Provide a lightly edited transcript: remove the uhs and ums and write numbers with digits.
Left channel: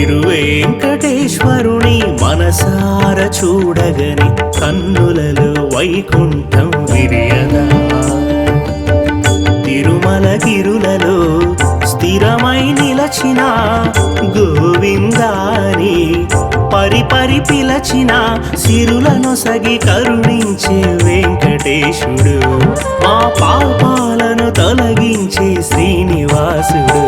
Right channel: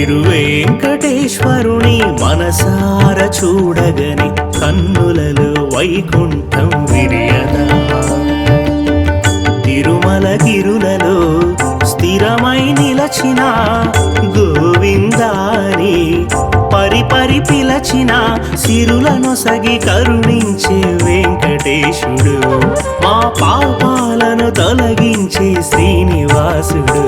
తిరువేంకటేశ్వరుని మనసార చూడగని కన్నులలో వైకుంఠం విరియదా. తిరుమలగిరులలో స్థిరమై నిలచిన గోవిందాని పరిపరి పిలచిన సిరులనొసగి కరుణించే వెంకటేశుడు, మా పాపాలను తొలగించే శ్రీనివాసుడు.